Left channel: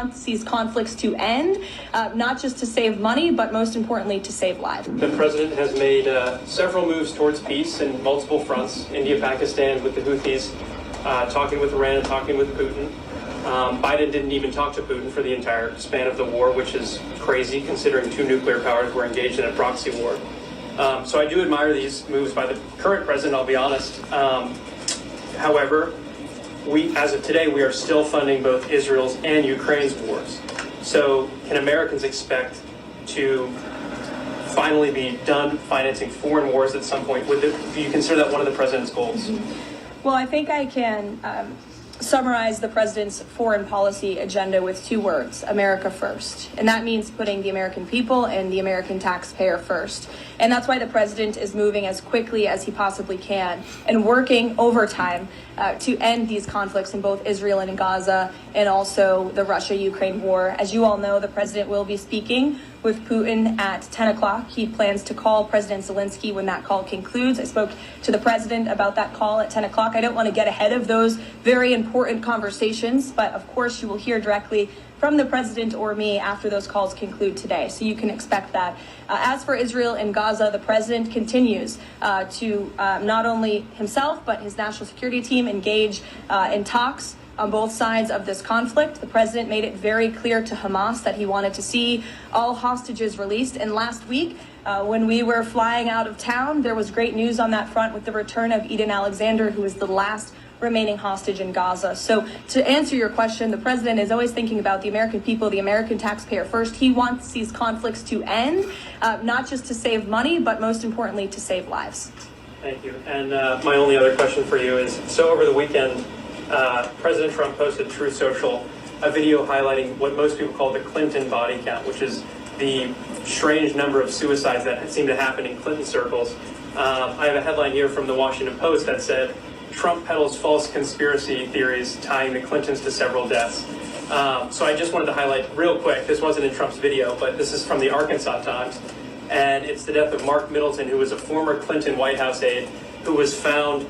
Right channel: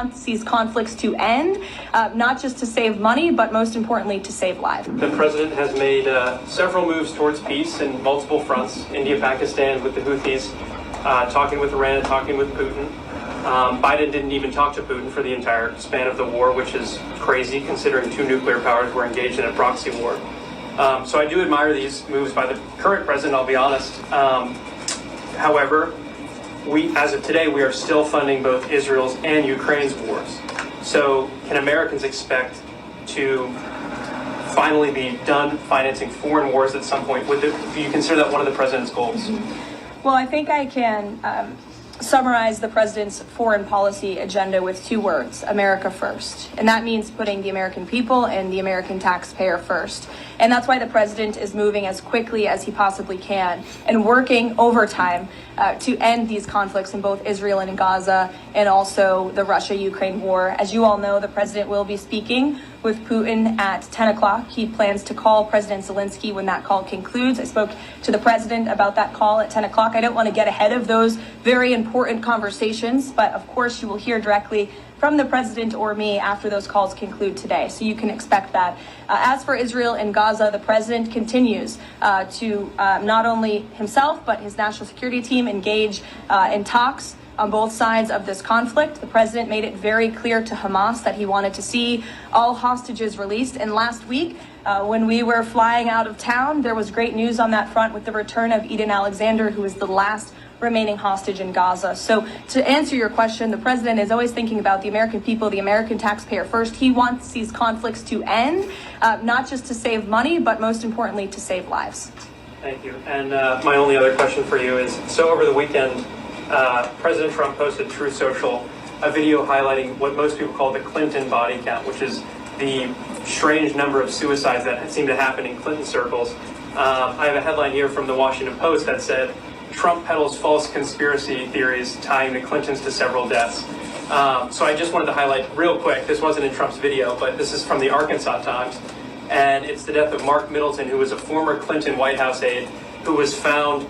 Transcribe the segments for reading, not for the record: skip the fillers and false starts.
wants these conflicts to end, not just to save money, but most importantly, to save lives. The president has made several moves towards peace in multiple fronts. India, Pakistan with the Houthis, talking with Iran and talking with Putin. Biden didn't even talk to Putin for the entire span of the war, which is crazy considering two nuclear powers were engaged in a proxy war. So I do admire these moves by the current president, I'll be honest. However, as of today, we are still funding both Israel's and Ukraine's wars. So can Americans expect to finally be done financing foreign wars at some point? Do you consider that one of the president's goals? Well, I think I can summarize the president's foreign policy agenda with two words: America first. And that means putting the American people and the American taxpayer first. And that's why the president is moving as quickly as he possibly can and working overtime to end these conflicts in both Israel and in Gaza, and also the Russia-Ukraine war. As you all know, the president will be speaking with Putin at 10 o'clock. He plans to call President Zelensky when that call concludes. I spoke to the president about that call at 10 o'clock. I don't want to get ahead of those very important conversations, but of course you will hear directly from the president or me after those calls conclude today. So you can expect that. As for Israel and Gaza, the president continues to not only himself, but his national security team engage in talks on both sides of this conflict. The president made it very clear to Hamas that he wanted to see all hostages released. And last week, when we were flying out of town, there was great news on that front with the return of Eden Alexander, who is the last remaining hostage in Gaza. So to answer your question, the president is always thinking about the American people, the American taxpayer first. He wants these conflicts to end, not just to save money, but most importantly, to save lives. Thank you. And my only other question for you is, so over the weekend, President Trump posted Truth Social a video highlighting what most people call the Clinton body count, which is the strange number of suicides that seem to happen in Clinton circles. I have a headline here from the Washington Post that said, Trump peddles false conspiracy theories tying the Clintons to several deaths. So I just wanted to highlight real quick, this wasn't in Trump's video, but this is from the Arkansas Times, and it's the death of Mark Middleton, who was a former Clinton White House aide, who was found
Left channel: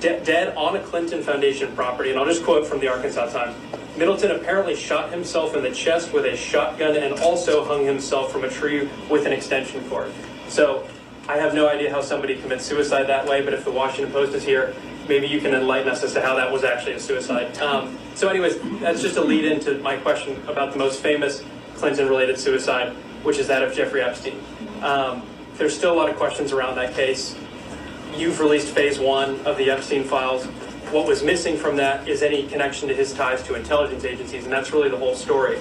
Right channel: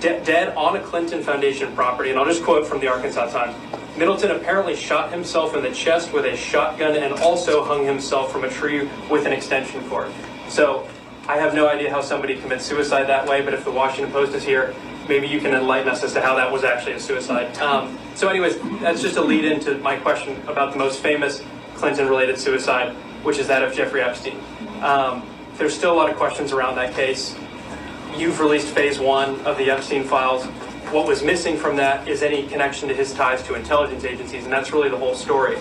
dead on a Clinton Foundation property. And I'll just quote from the Arkansas Times. Middleton apparently shot himself in the chest with a shotgun and also hung himself from a tree with an extension cord. So I have no idea how somebody commits suicide that way, but if the Washington Post is here, maybe you can enlighten us as to how that was actually a suicide. So anyways, that's just a lead into my question about the most famous Clinton-related suicide, which is that of Jeffrey Epstein. There's still a lot of questions around that case. You've released phase one of the Epstein files. What was missing from that is any connection to his ties to intelligence agencies, and that's really the whole story.